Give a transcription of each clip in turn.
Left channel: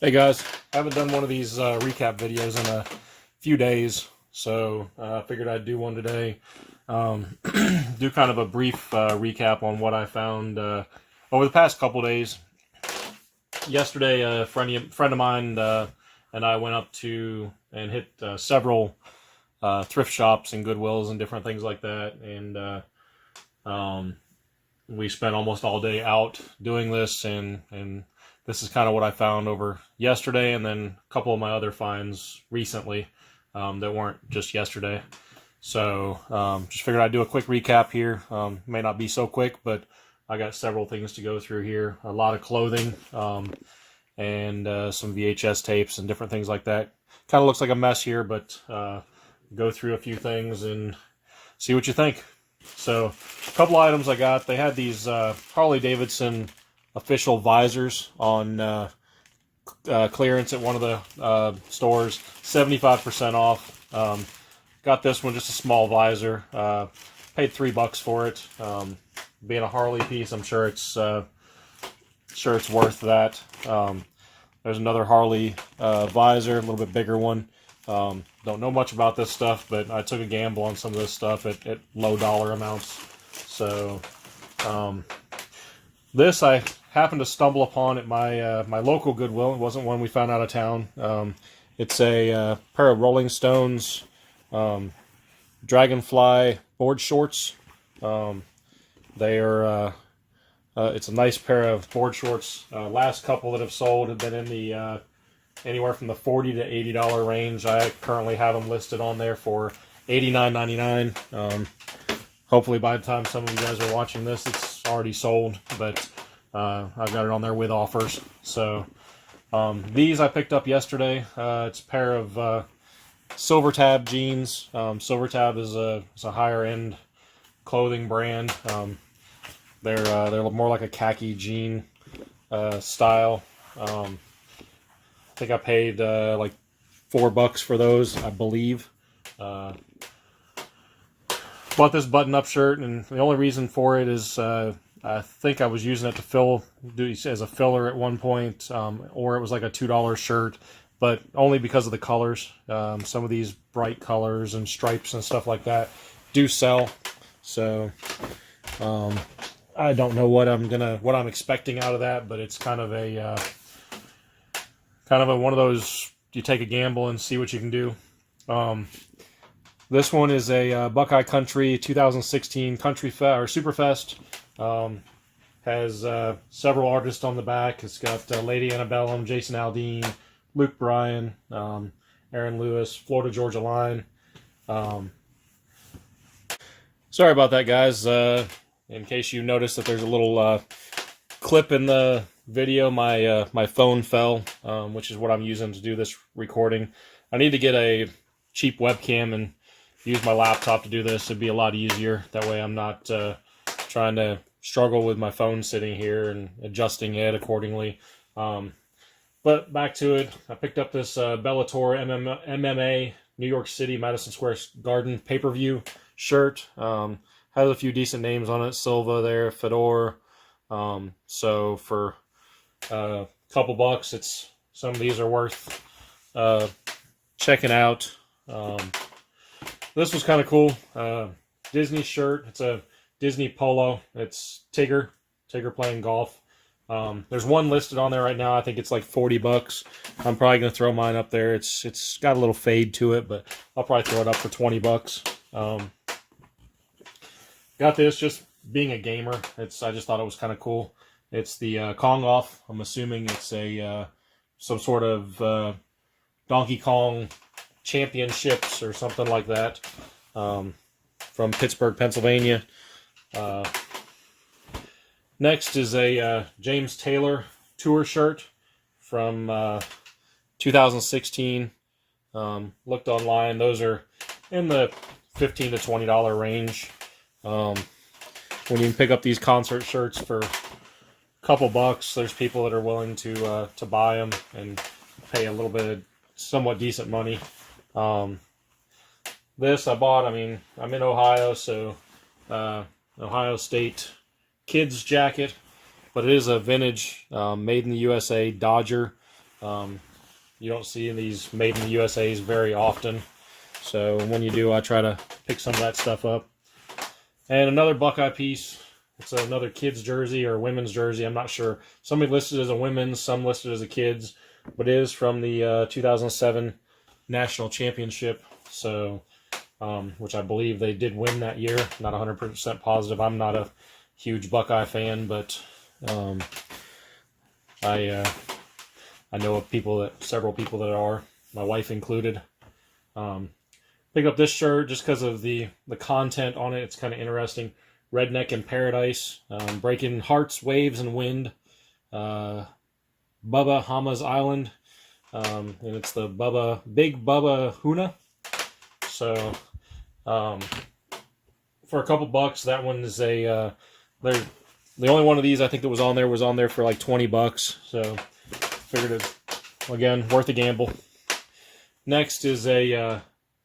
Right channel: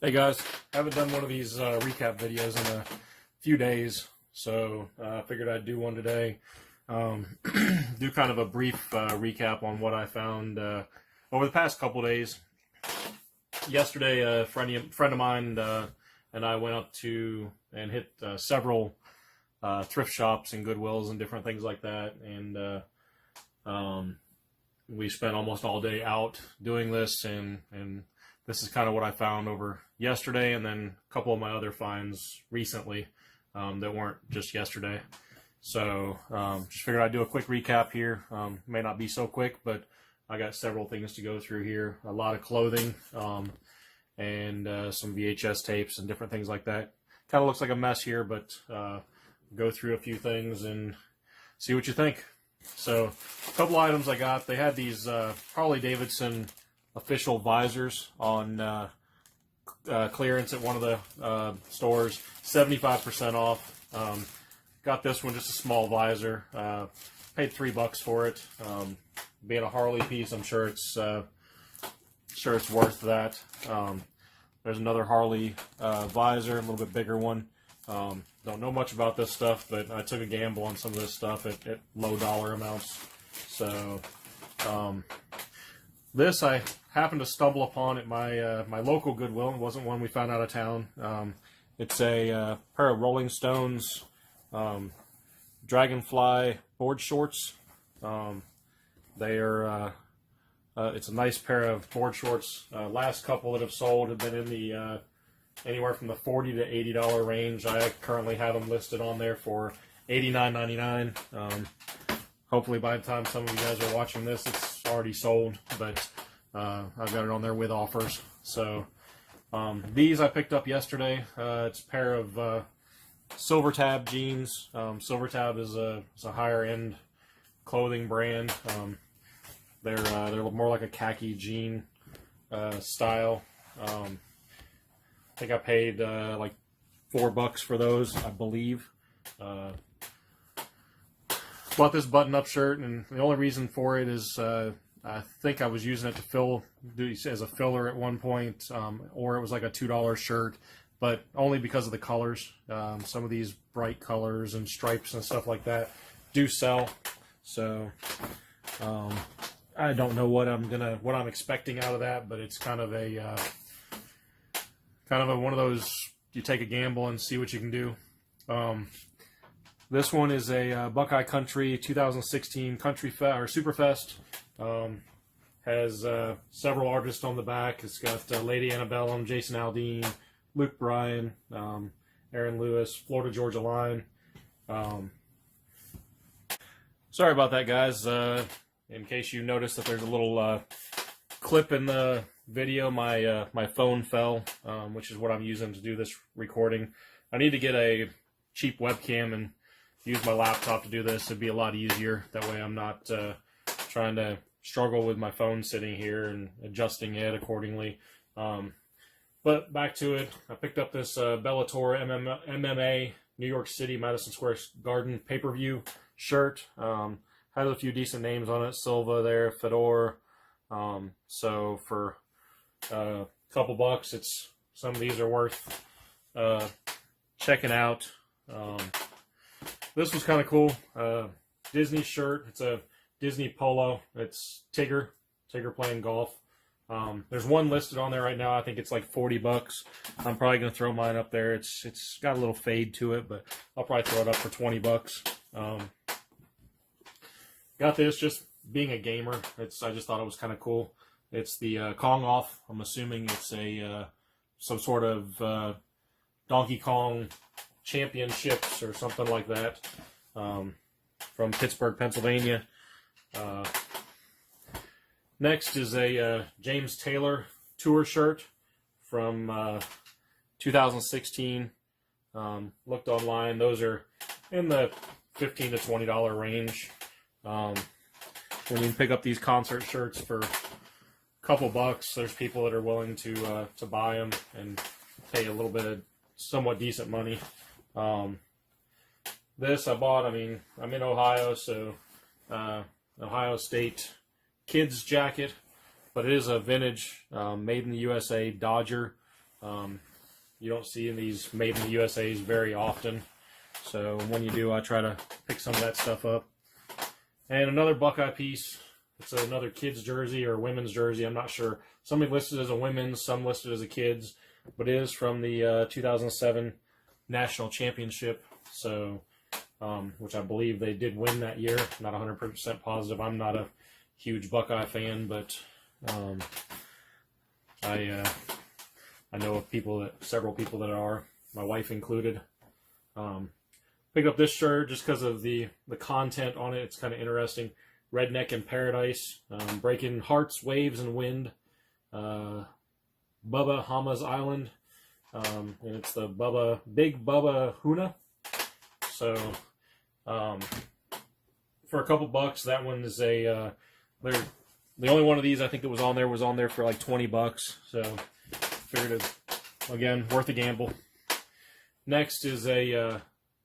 Hey guys, I haven't done one of these recap videos in a few days, so I figured I'd do one today. Do kind of a brief recap on what I found over the past couple days. Yesterday, a friend of mine and I went up to and hit several thrift shops and Goodwills and different things like that, and we spent almost all day out doing this, and this is kind of what I found over yesterday, and then a couple of my other finds recently that weren't just yesterday. So just figured I'd do a quick recap here. May not be so quick, but I got several things to go through here. A lot of clothing and some VHS tapes and different things like that. Kind of looks like a mess here, but go through a few things and see what you think. So a couple items I got. They had these Harley Davidson official visors on clearance at one of the stores, 75% off. Got this one, just a small visor. Paid $3 for it. Being a Harley piece, I'm sure it's worth that. There's another Harley visor, a little bit bigger one. Don't know much about this stuff, but I took a gamble on some of this stuff at low dollar amounts. So this I happened to stumble upon at my local Goodwill. It wasn't one we found out of town. It's a pair of Rolling Stones Dragonfly board shorts. They are it's a nice pair of board shorts. Last couple that have sold have been in the anywhere from the $40 to $80 range. I currently have them listed on there for $89.99. Hopefully by the time some of you guys are watching this, it's already sold, but I've got it on there with offers. So these I picked up yesterday. It's a pair of Silver Tab jeans. Silver Tab is a higher end clothing brand. They're more like a khaki jean style. I think I paid like $4 for those, I believe. Bought this button-up shirt, and the only reason for it is I think I was using it to do as a filler at one point, or it was like a $2 shirt, but only because of the colors. Some of these bright colors and stripes and stuff like that do sell. So I don't know what I'm expecting out of that, but it's kind of a one of those, you take a gamble and see what you can do. This one is a Buckeye Country 2016 Country Fest or Superfest. Has several artists on the back. It's got Lady Antebellum, Jason Aldean, Luke Bryan, Aaron Lewis, Florida Georgia Line. Sorry about that, guys. In case you noticed that there's a little clip in the video, my phone fell, which is what I'm using to do this recording. I need to get a cheap webcam and use my laptop to do this. It'd be a lot easier. That way I'm not trying to struggle with my phone sitting here and adjusting it accordingly. But back to it. I picked up this Bellator MMA New York City Madison Square Garden pay-per-view shirt. Has a few decent names on it. Silva there, Fedor. So for a couple bucks, some of these are worth checking out. This was kind of cool. Disney shirt. It's a Disney polo. It's Tigger playing golf. There's one listed on there right now. I think it's like $40. I'm probably gonna throw mine up there. It's got a little fade to it, but I'll probably throw it up for $20. Got this just being a gamer. I just thought it was kind of cool. It's the Kong Off. I'm assuming it's a some sort of Donkey Kong championships or something like that, from Pittsburgh, Pennsylvania. Next is a James Taylor tour shirt from 2016. Looked online. Those are in the $15 to $20 range. When you can pick up these concert shirts for a couple bucks, there's people that are willing to buy them and pay a little bit of somewhat decent money. This I bought. I mean, I'm in Ohio, so Ohio State kids jacket, but it is a vintage, made in the USA Dodger. You don't see these made in the USA's very often. So when you do, I try to pick some of that stuff up. And another Buckeye piece. It's another kid's jersey or women's jersey. I'm not sure. Some listed as a women's, some listed as a kid's. But it is from the 2007 National Championship. So, which I believe they did win that year. Not 100% positive. I'm not a huge Buckeye fan, but I know of several people that are, my wife included. Pick up this shirt just because of the content on it. It's kind of interesting. Redneck in Paradise, Breaking Hearts, Waves, and Wind, Bubba Hama's Island, and it's the Big Bubba Huna. So, for a couple bucks, that one is the only one of these I think that was on there for like $20. So, figured it, again, worth a gamble. Next is a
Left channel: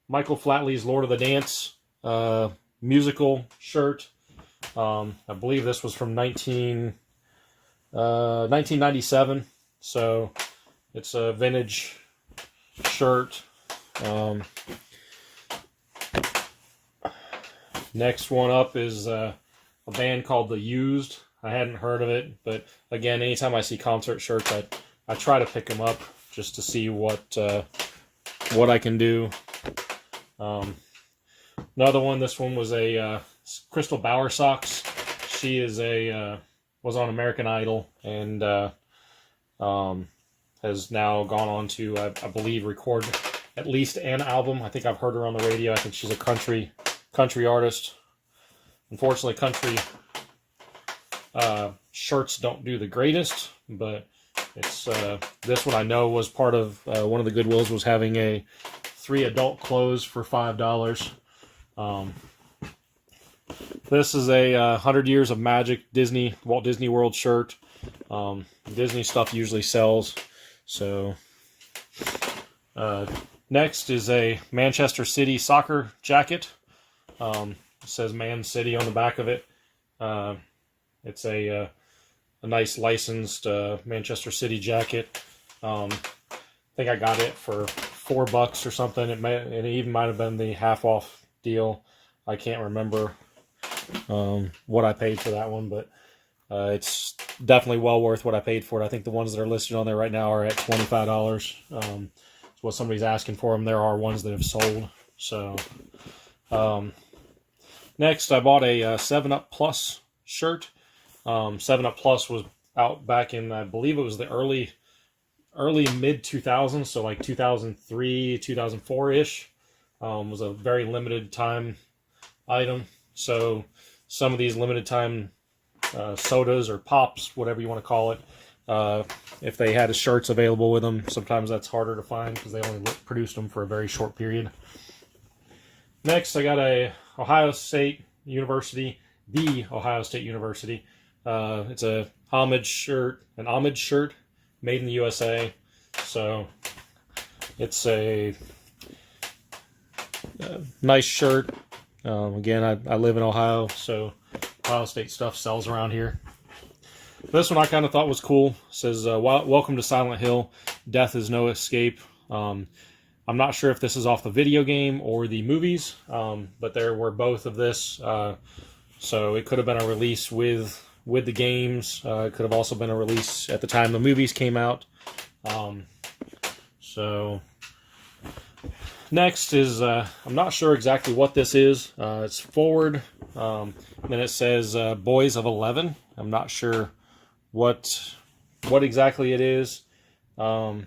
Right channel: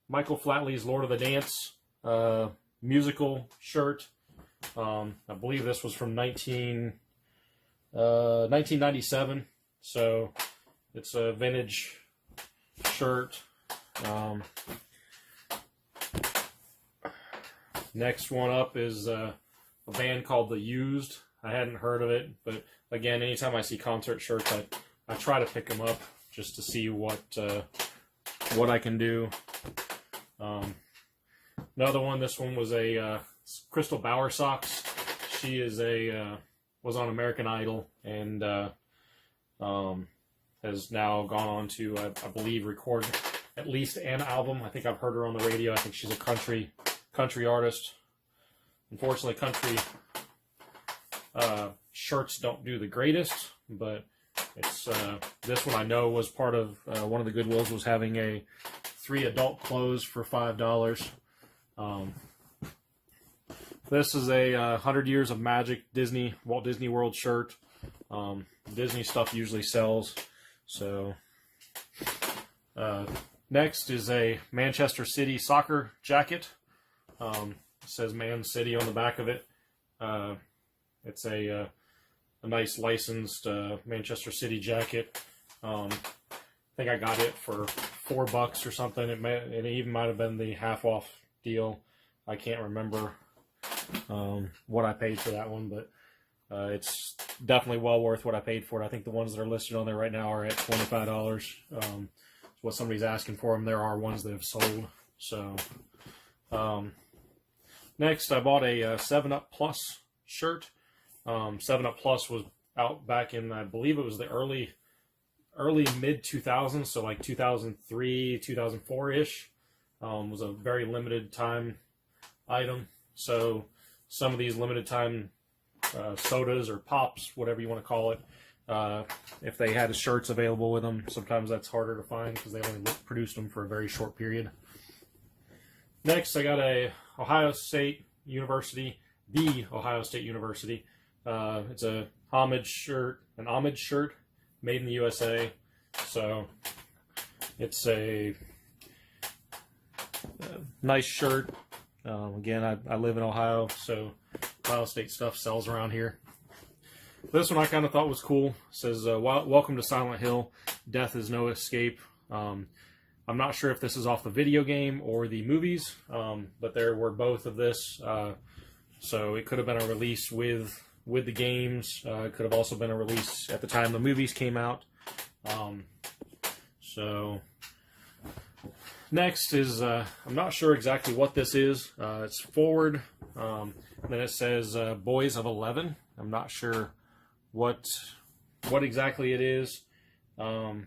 Michael Flatley's Lord of the Dance musical shirt. I believe this was from 1997, so it's a vintage shirt. Next one up is a band called The Used. I hadn't heard of it, but again, anytime I see concert shirts, I try to pick them up just to see what I can do. Another one. This one was a Crystal Bowersox. She is was on American Idol and has now gone on to I believe record at least an album. I think I've heard her on the radio. I think she's a country artist. Unfortunately, country shirts don't do the greatest, but it's this one I know was part of one of the Goodwills was having 3 adult clothes for $5. This is a 100 Years of Magic Walt Disney World shirt. Disney stuff usually sells. So next is a Manchester City soccer jacket. It says Man City on the back of it. It's a nice licensed Manchester City jacket. I think I got it for $4 or something. It even might have been the half off deal. I can't remember what I paid for that one, but it's definitely well worth what I paid for it. I think the ones that are listed on there right now are at $25. It's what somebody's asking for them. There are ones that have sold. So next, I bought a 7-Up Plus shirt. 7-Up Plus was out back in, I believe it was the early mid 2000s, so like 2003, 2004 ish. Was a very limited time item. So some of these limited time sodas or pops, whatever you want to call it, if they had shirts available with them, sometimes that's harder to find because they only produced them for a very short period. Next, I got a Ohio State University, the Ohio State University. It's a homage shirt, made in the USA. So it's a nice shirt. Again, I live in Ohio, so Ohio State stuff sells around here. This one I kind of thought was cool. It says, welcome to Silent Hill. Death is no escape. I'm not sure if this is off the video game or the movies, but there were both of this. So it could have been a release with the games. It could have also been a release at the time the movies came out. So next is, I'm not sure exactly what this is. It's forward. Then it says Boys of 11. I'm not sure what exactly it is. When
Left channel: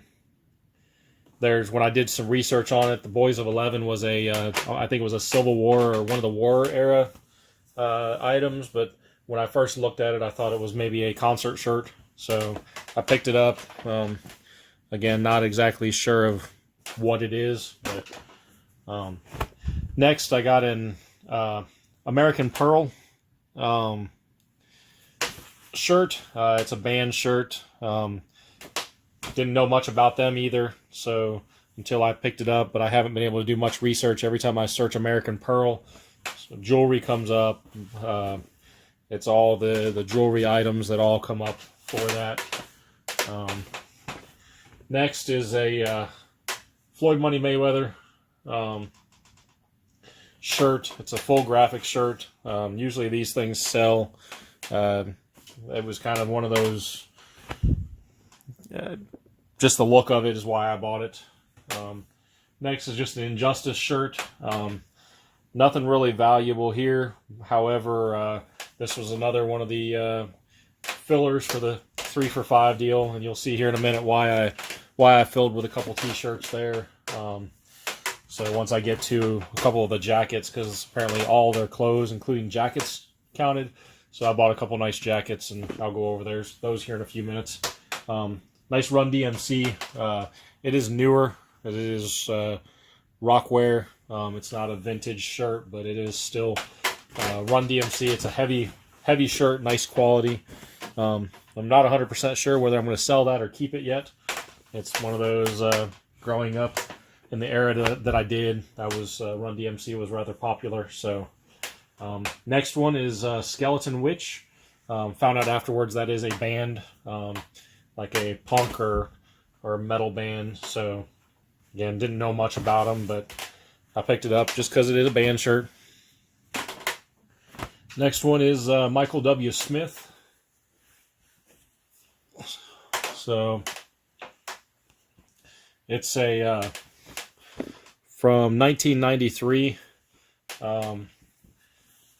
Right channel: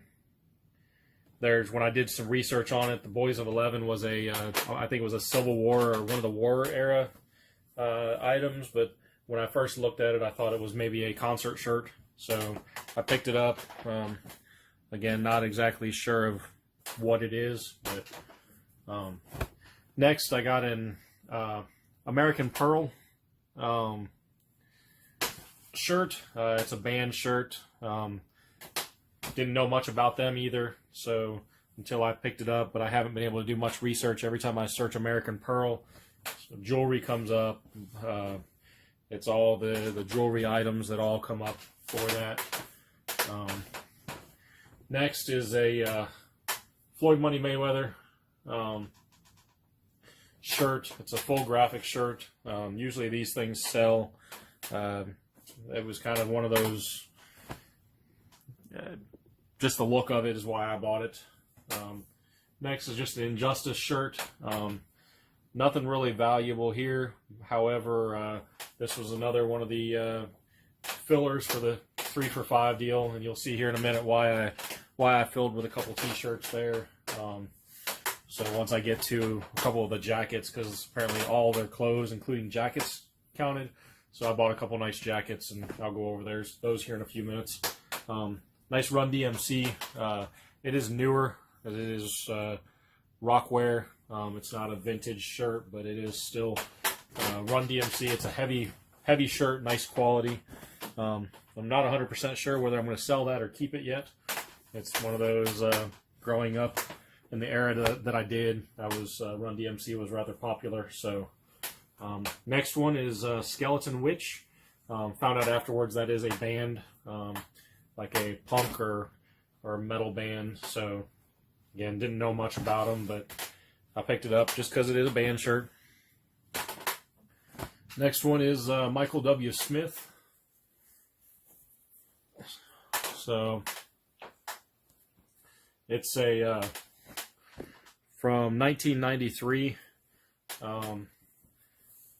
I did some research on it, the Boys of 11 was I think it was a Civil War or one of the war era items, but when I first looked at it, I thought it was maybe a concert shirt, so I picked it up. Again, not exactly sure of what it is, but next I got an American Pearl shirt. It's a band shirt. Didn't know much about them either, so until I picked it up, but I haven't been able to do much research. Every time I search American Pearl, so jewelry comes up. It's all the jewelry items that all come up for that. Next is a Floyd Money Mayweather shirt. It's a full graphic shirt. Usually these things sell. It was kind of one of those, just the look of it is why I bought it. Next is just an Injustice shirt. Nothing really valuable here. However, this was another one of the fillers for the 3 for $5 deal, and you'll see here in a minute why I filled with a couple t-shirts there. So once I get to a couple of the jackets, because apparently all their clothes, including jackets, counted. So I bought a couple nice jackets, and I'll go over those here in a few minutes. Nice Run DMC. It is newer. It is Rockwear. It's not a vintage shirt, but it is still Run DMC. It's a heavy shirt, nice quality. I'm not 100% sure whether I'm going to sell that or keep it yet. It's one of those, growing up in the era that I did, Run DMC was rather popular. So next one is Skeleton Witch. Found out afterwards that is a band, like a punk or metal band. So again, didn't know much about them, but I picked it up just because it is a band shirt. Next one is Michael W. Smith. So it's a from 1993,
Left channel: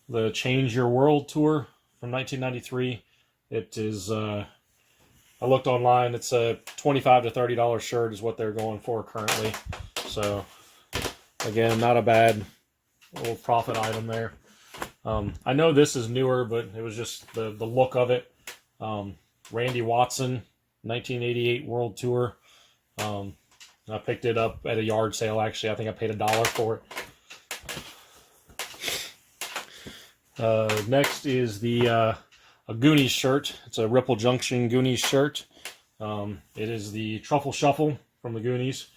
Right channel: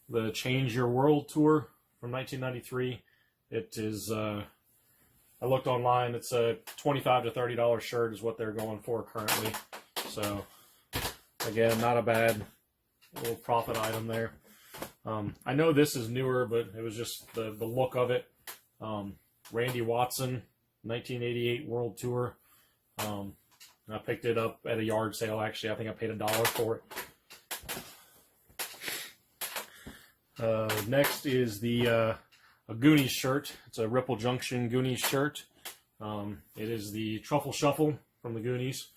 the Change Your World tour from 1993. It is, I looked online, it's a $25 to $30 shirt is what they're going for currently. So again, not a bad little profit item there. I know this is newer, but it was just the look of it. Randy Watson, 1988 World Tour. I picked it up at a yard sale, actually. I think I paid $1 for it. Next is a Goonies shirt. It's a Ripple Junction Goonies shirt. It is the Truffle Shuffle from the Goonies.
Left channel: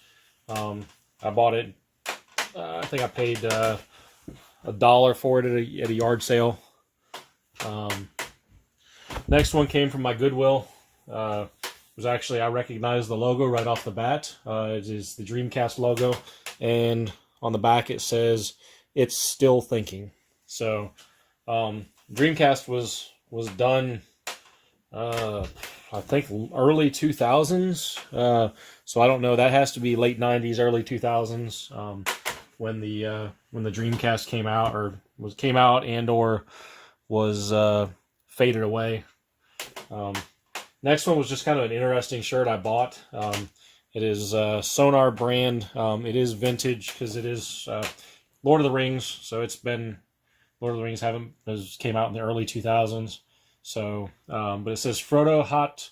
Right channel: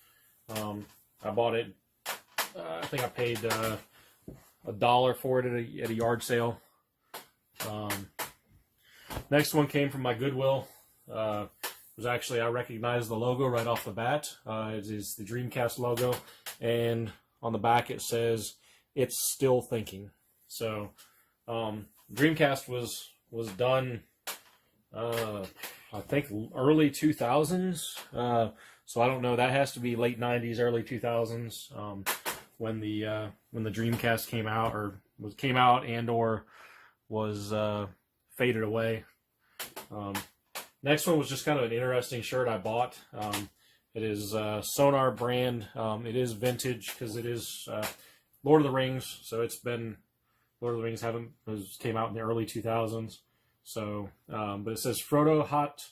I bought it, I think I paid $1 for it at a yard sale. Next one came from my Goodwill. It was actually, I recognized the logo right off the bat. It is the Dreamcast logo, and on the back it says, "It's still thinking." So Dreamcast was done, I think early 2000s. So I don't know. That has to be late 90s, early 2000s, when the Dreamcast came out, or was faded away. Next one was just kind of an interesting shirt I bought. It is Sonar brand. It is vintage because it is Lord of the Rings. So it's been Lord of the Rings came out in the early 2000s. So, but it says Frodo Hot,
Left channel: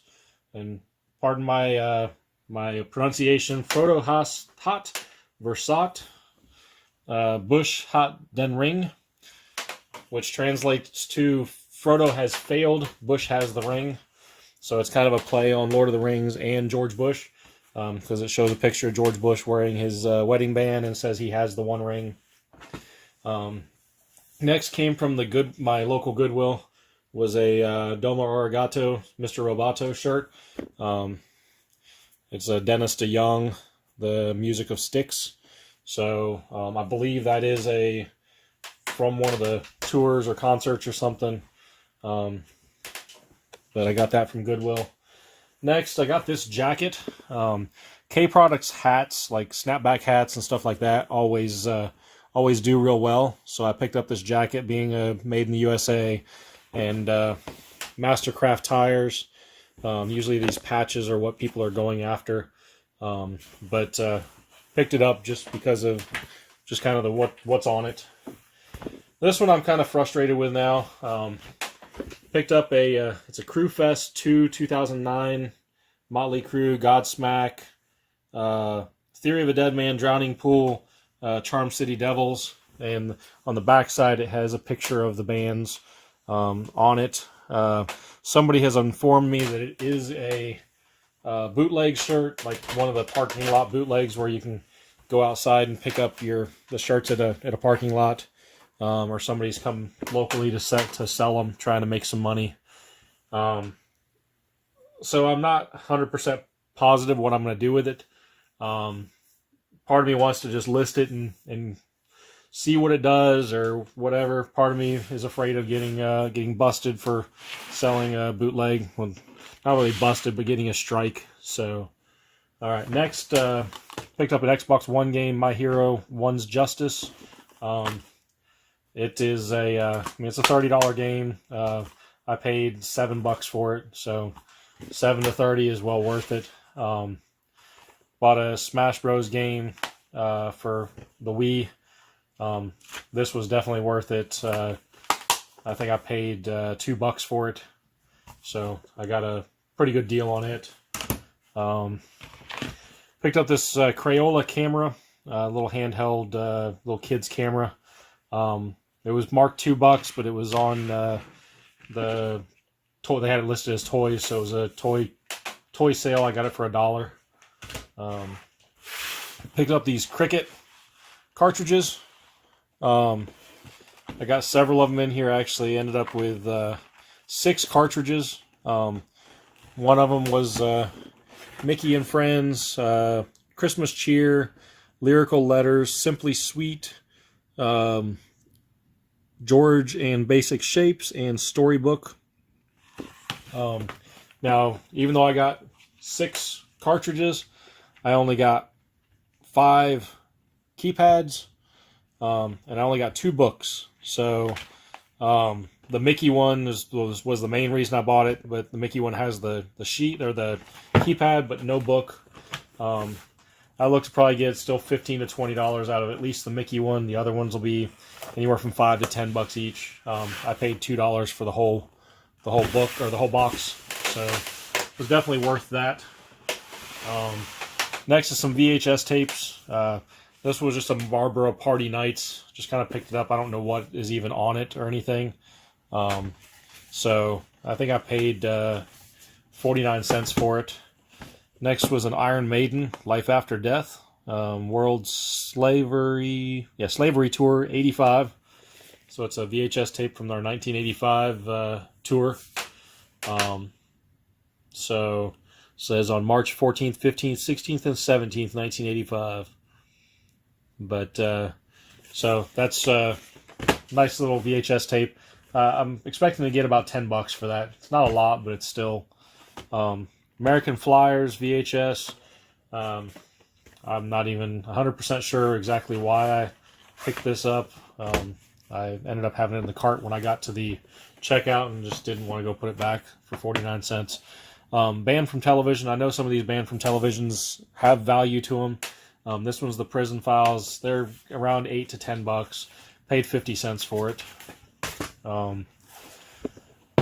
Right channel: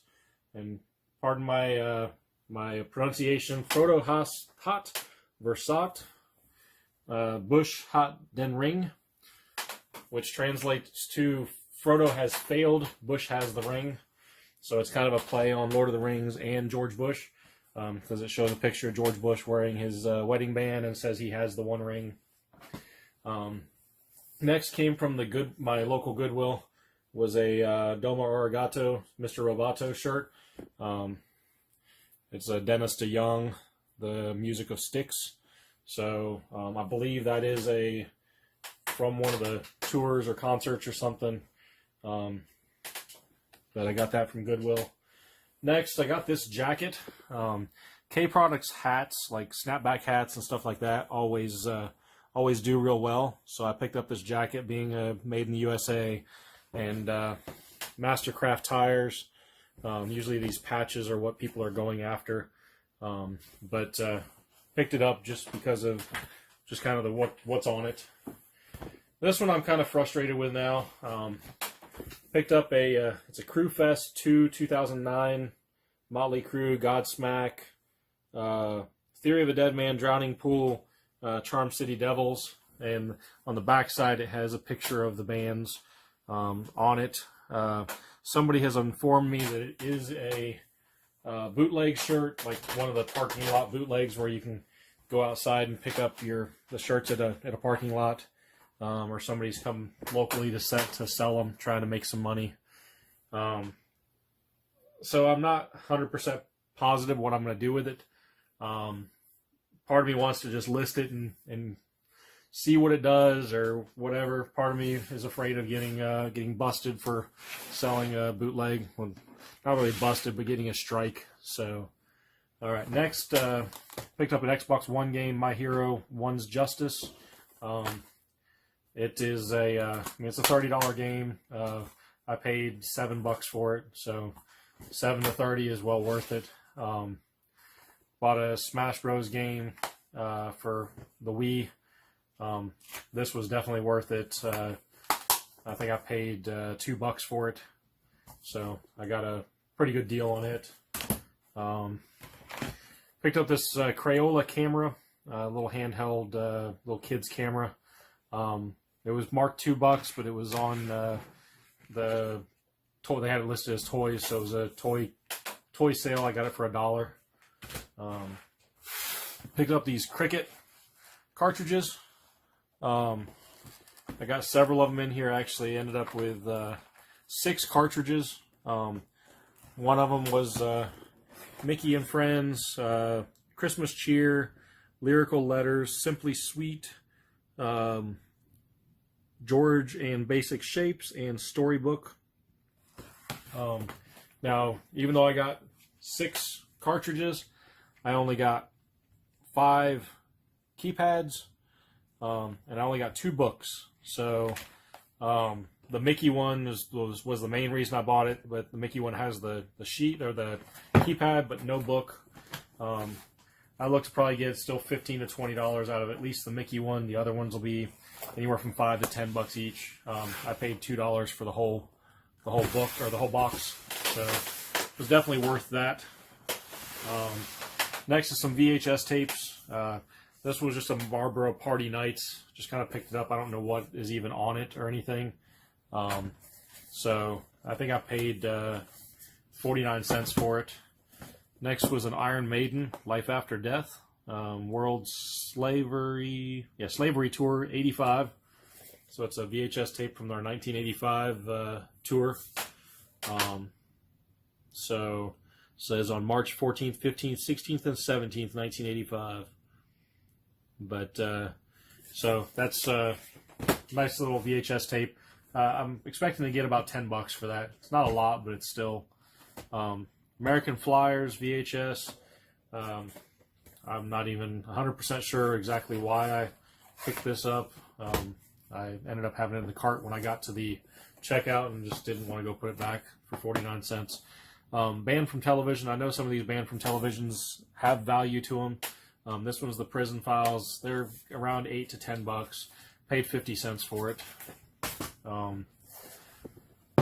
and pardon my my pronunciation, Frodo Hot Versat Bush Hot Den Ring, which translates to Frodo has failed, Bush has the ring. So it's kind of a play on Lord of the Rings and George Bush, because it shows a picture of George Bush wearing his wedding band and says he has the one ring. Next came from my local Goodwill was a Domo Arigato Mr. Roboto shirt. It's a Dennis DeYoung, the Music of Sticks. So I believe that is from one of the tours or concerts or something. But I got that from Goodwill. Next, I got this jacket. K-Products hats, like snapback hats and stuff like that, always do real well. So I picked up this jacket, being made in the USA, and Mastercraft tires. Usually these patches are what people are going after, but picked it up just because of just kind of what's on it. This one I'm kind of frustrated with now. Picked up it's a Crew Fest 2009 Motley Crue, Godsmack, Theory of a Dead Man, Drowning Pool, Charm City Devils, and on the back side it has a picture of the bands on it. Somebody has informed me that it is a bootleg shirt, like one of the parking lot bootlegs where you can go outside and pick up the shirts at a parking lot. Or somebody's come locally to sell them, trying to make some money. So I'm not 100% positive what I'm going to do with it. Part of me wants to just list it and see what it does or whatever. Part of me is afraid of getting busted for selling a bootleg. Well, not really busted, but getting a strike. So, all right. Next, picked up an Xbox One game, My Hero One's Justice. It is it's a $30 game. I paid $7 for it, so 7 to 30 is well worth it. Bought a Smash Bros. Game for the Wii. This was definitely worth it. I think I paid $2 for it, so I got a pretty good deal on it. Picked up this Crayola camera, little handheld, little kids camera. It was marked $2, but it was on the toy. They had it listed as toys, so it was a toy sale. I got it for $1. Picked up these Cricket cartridges. I got several of them in here. I actually ended up with 6 cartridges. One of them was Mickey and Friends, Christmas Cheer, Lyrical Letters, Simply Sweet, George and Basic Shapes, and Storybook. Now, even though I got 6 cartridges, I only got 5 keypads, and I only got 2 books. So, the Mickey one was the main reason I bought it, but the Mickey one has the sheet or the keypad, but no book. I look to probably get still $15 to $20 out of at least the Mickey one. The other ones will be anywhere from $5 to $10 each. I paid $2 for the whole book or the whole box, so it was definitely worth that. Next is some VHS tapes. This was just a Marlboro Party Nights. Just kind of picked it up. I don't know what is even on it or anything. So I think I paid 49 cents for it. Next was an Iron Maiden, Life After Death, World Slavery Tour 85. So it's a VHS tape from their 1985 tour. So it says on March 14th, 15th, 16th, and 17th, 1985. But so that's a nice little VHS tape. I'm expecting to get about $10 for that. It's not a lot, but it's still American Flyers VHS. I'm not even 100% sure exactly why I picked this up. I ended up having it in the cart when I got to the checkout and just didn't want to go put it back for 49 cents. Banned from television. I know some of these banned from televisions have value to them. This one's the Prison Files. They're around $8 to $10. Paid 50 cents for it.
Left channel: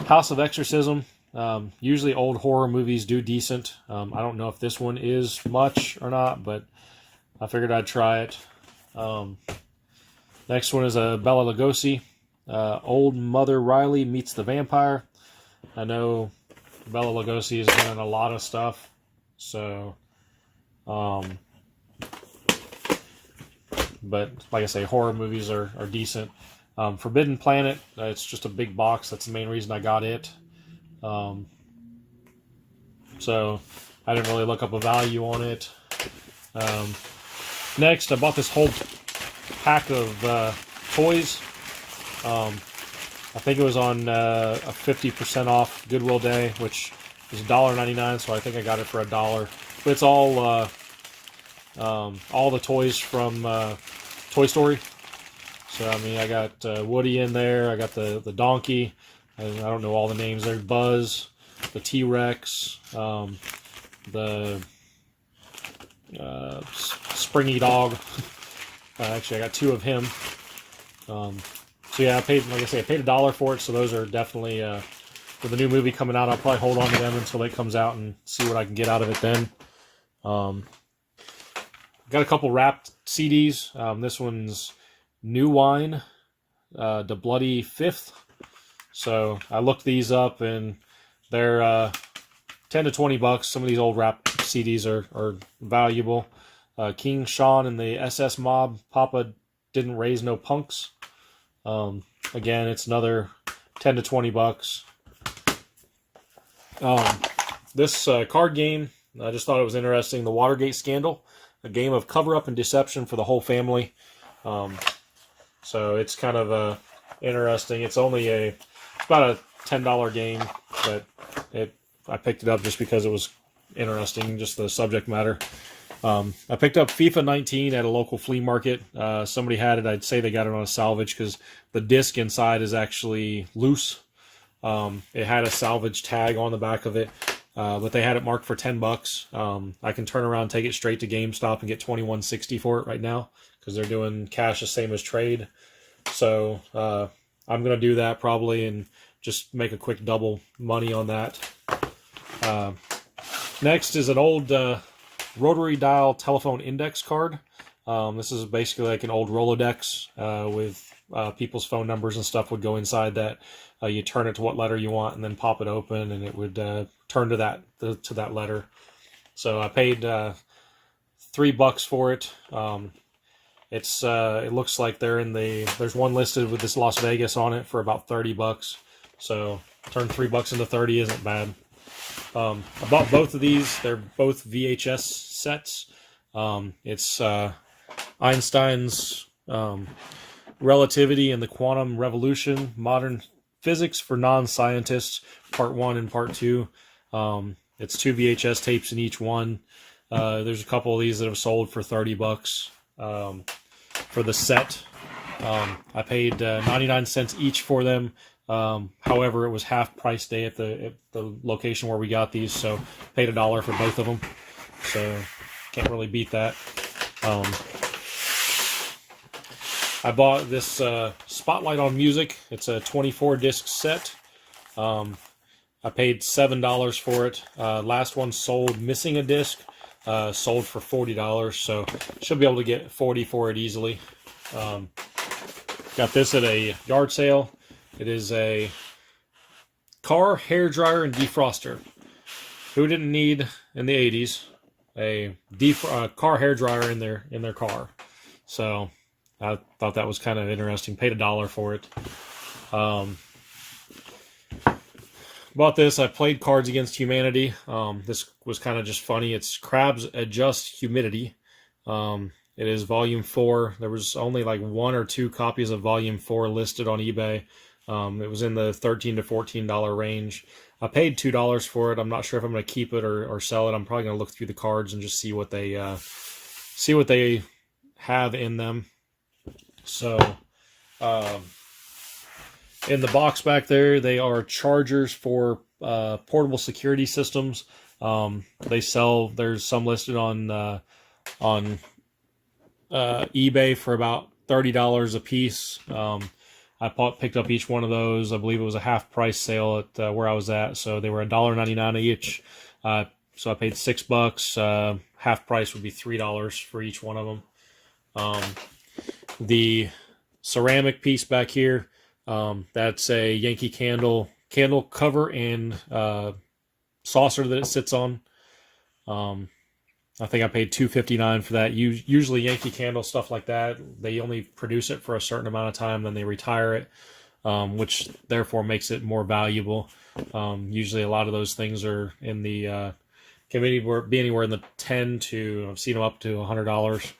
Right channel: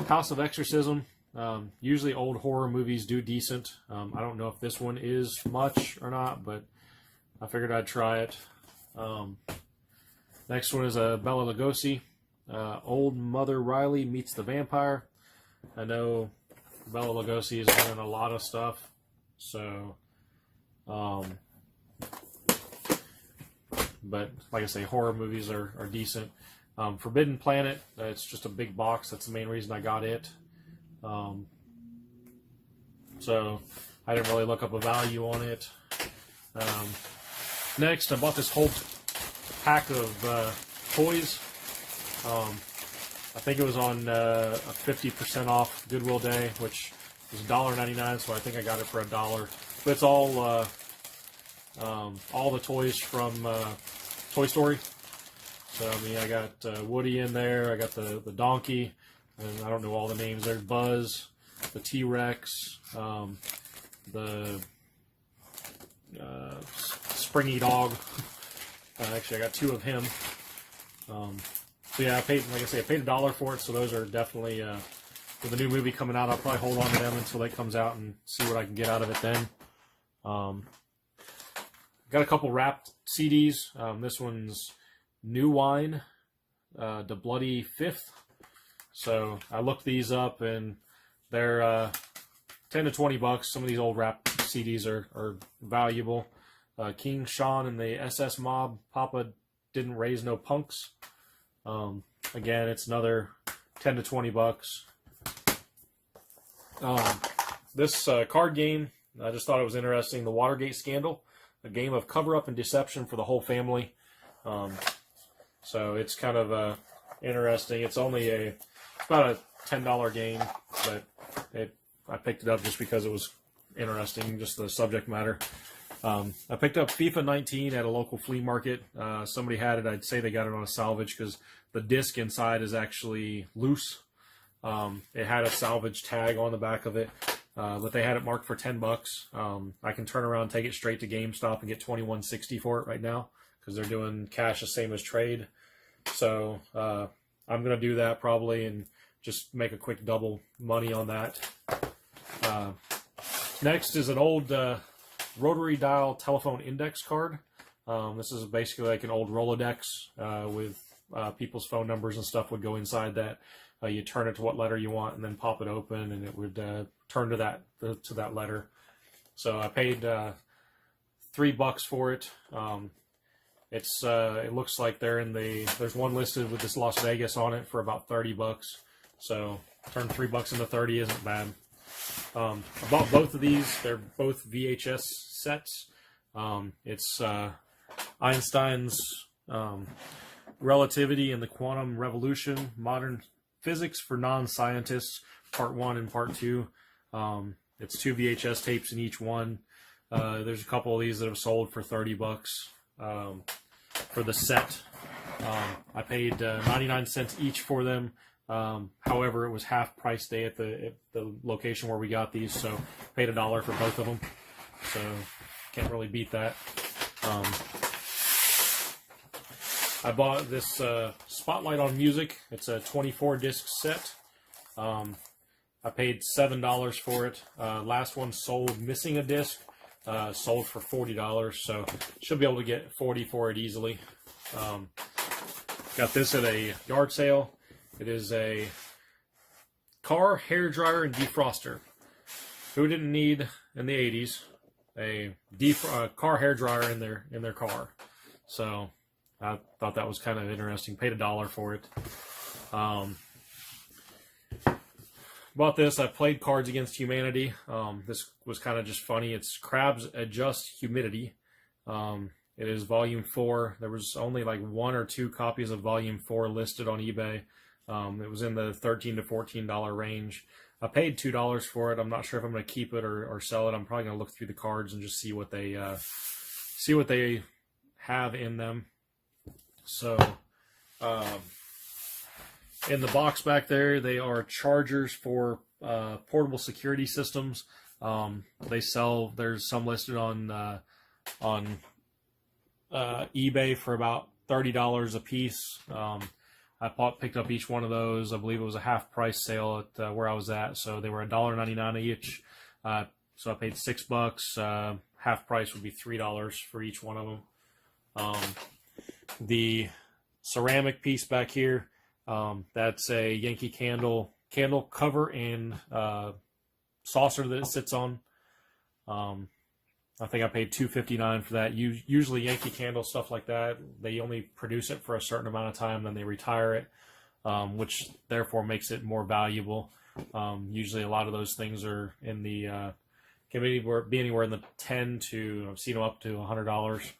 House of Exorcism. Usually old horror movies do decent. I don't know if this one is much or not, but I figured I'd try it. Next one is a Bela Lugosi. Old Mother Riley Meets the Vampire. I know Bela Lugosi has done a lot of stuff, so but like I say, horror movies are decent. Forbidden Planet, it's just a big box. That's the main reason I got it. So I didn't really look up a value on it. Next, I bought this whole pack of toys. I think it was on a 50% off Goodwill Day, which was $1.99, so I think I got it for $1. It's all the toys from Toy Story. So I mean, I got Woody in there. I got the donkey. I don't know all the names there. Buzz, the T-Rex, the springy dog. Actually, I got 2 of him. So yeah, I paid, like I say, I paid $1 for it. So those are definitely with the new movie coming out. I'll probably hold on to them until it comes out and see what I can get out of it then. Got a couple wrapped CDs. This one's New Wine, The Bloody Fifth. So I looked these up and they're 10 to $20. Some of these old rap CDs are valuable. King Sean and the SS Mob, Papa Didn't Raise No Punks. Again, it's another 10 to $20. This card game I just thought it was interesting. The Watergate scandal, a game of cover-up and deception for the whole family. So it's kind of interesting. It's about a $10 game, but I picked it up just because it was interesting, just the subject matter. I picked up FIFA 19 at a local flea market. Somebody had it. I'd say they got it on a salvage because the disc inside is actually loose. It had a salvage tag on the back of it, but they had it marked for $10. I can turn around, take it straight to GameStop and get $21.60 for it right now because they're doing cash the same as trade. So I'm gonna do that probably and just make a quick double money on that. Next is an old rotary dial telephone index card. This is basically like an old Rolodex with people's phone numbers and stuff would go inside that. You turn it to what letter you want and then pop it open and it would turn to that letter. So I paid $3 for it. It looks like there's one listed with this Las Vegas on it for about $30. So turn $3 into 30 isn't bad. I bought both of these. They're both VHS sets. It's Einstein's Relativity and the Quantum Revolution, Modern Physics for Non-Scientists, Part 1 and Part 2. It's 2 VHS tapes in each one. There's a couple of these that have sold for $30 for the set. I paid 99 cents each for them. However, it was half price day at the location where we got these, so paid $1 for both of them. So can't really beat that. I bought this Spotlight on Music. It's a 24 disc set. I paid $7 for it. Last one sold missing a disc. Sold for $40, so should be able to get 40 for it easily. Got this at a yard sale. It is a car hair dryer and defroster. Who didn't need in the 80s a car hair dryer in their car? So I thought that was kind of interesting. Paid $1 for it. Bought this. I played Cards Against Humanity. This was kind of just funny. It's Crabs Adjust Humidity. It is Volume 4. There was only like 1 or 2 copies of Volume 4 listed on eBay. It was in the $13 to $14 range. I paid $2 for it. I'm not sure if I'm going to keep it or sell it. I'm probably going to look through the cards and just see what they have in them. So, in the box back there, they are chargers for portable security systems. There's some listed on eBay for about $30 a piece. I picked up each one of those. I believe it was a half price sale at where I was at, so they were $1.99 each. So I paid $6. Half price would be $3 for each one of them. The ceramic piece back here, that's a Yankee candle cover and saucer that it sits on. I think I paid $2.59 for that. Usually Yankee Candle, stuff like that, they only produce it for a certain amount of time, then they retire it, which therefore makes it more valuable. Usually a lot of those things are in the can be anywhere in the 10 to, I've seen them up to $100.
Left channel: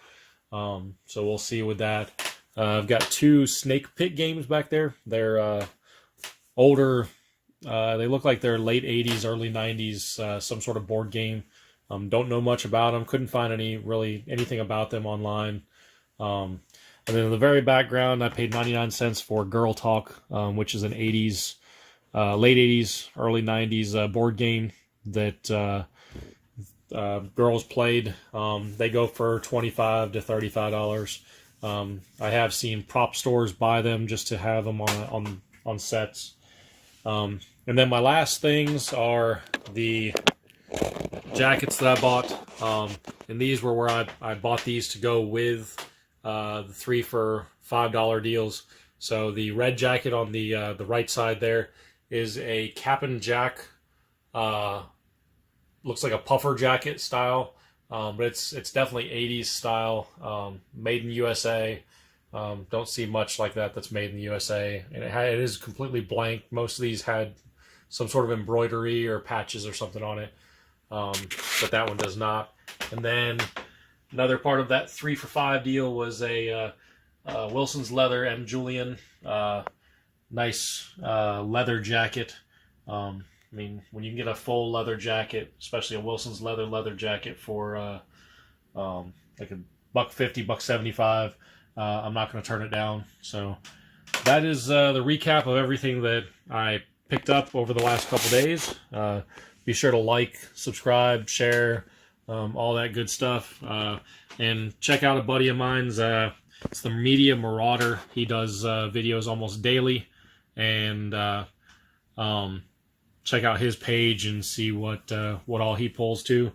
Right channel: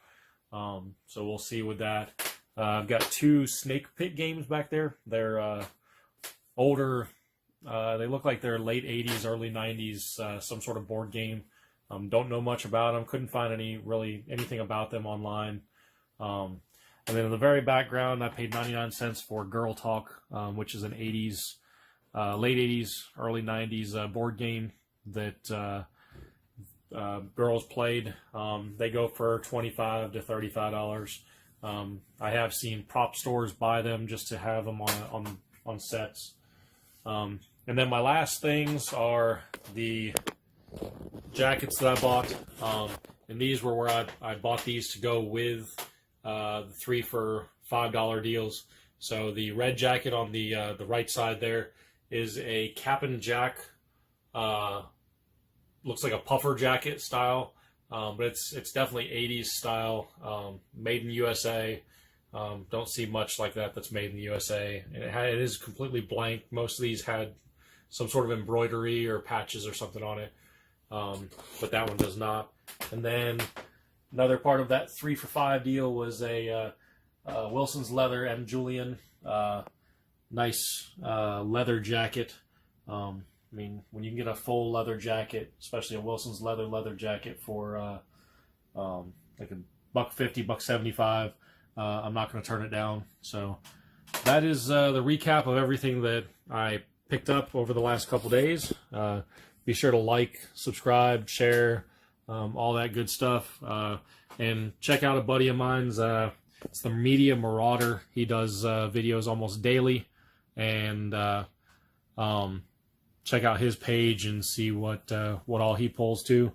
So we'll see with that. I've got 2 Snake Pit games back there. They're older. They look like they're late 80s, early 90s, some sort of board game. Don't know much about them. Couldn't find anything about them online. And then in the very background, I paid 99 cents for Girl Talk, which is an 80s, late 80s, early 90s board game that girls played. They go for $25 to $35. I have seen prop stores buy them just to have them on sets. And then my last things are the jackets that I bought, and these were where I bought these to go with the 3 for $5 deals. So the red jacket on the right side there is a Cap and Jack, looks like a puffer jacket style, but it's definitely 80s style, made in USA. Don't see much like that's made in the USA, and it is completely blank. Most of these had some sort of embroidery or patches or something on it. but that one does not. And then another part of that 3 for $5 deal was a Wilson's Leather and Julian nice leather jacket. I mean, when you can get a full leather jacket, especially a Wilson's leather jacket for like $150, $175, I'm not going to turn it down. So that is the recap of everything that I picked up over the last couple days. Be sure to like, subscribe, share, all that good stuff. And check out a buddy of mine's. It's the Media Marauder. He does videos almost daily. And check out his page and see what all he pulls to.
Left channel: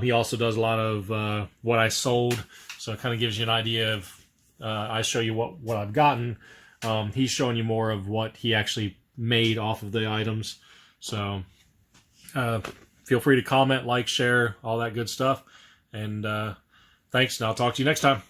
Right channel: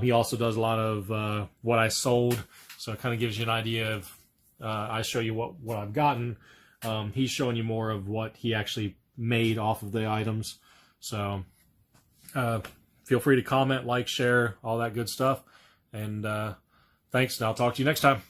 He also does a lot of what I sold. So it kind of gives you an idea of, I show you what I've gotten. He's showing you more of what he actually made off of the items. So feel free to comment, like, share, all that good stuff. And thanks, and I'll talk to you next time.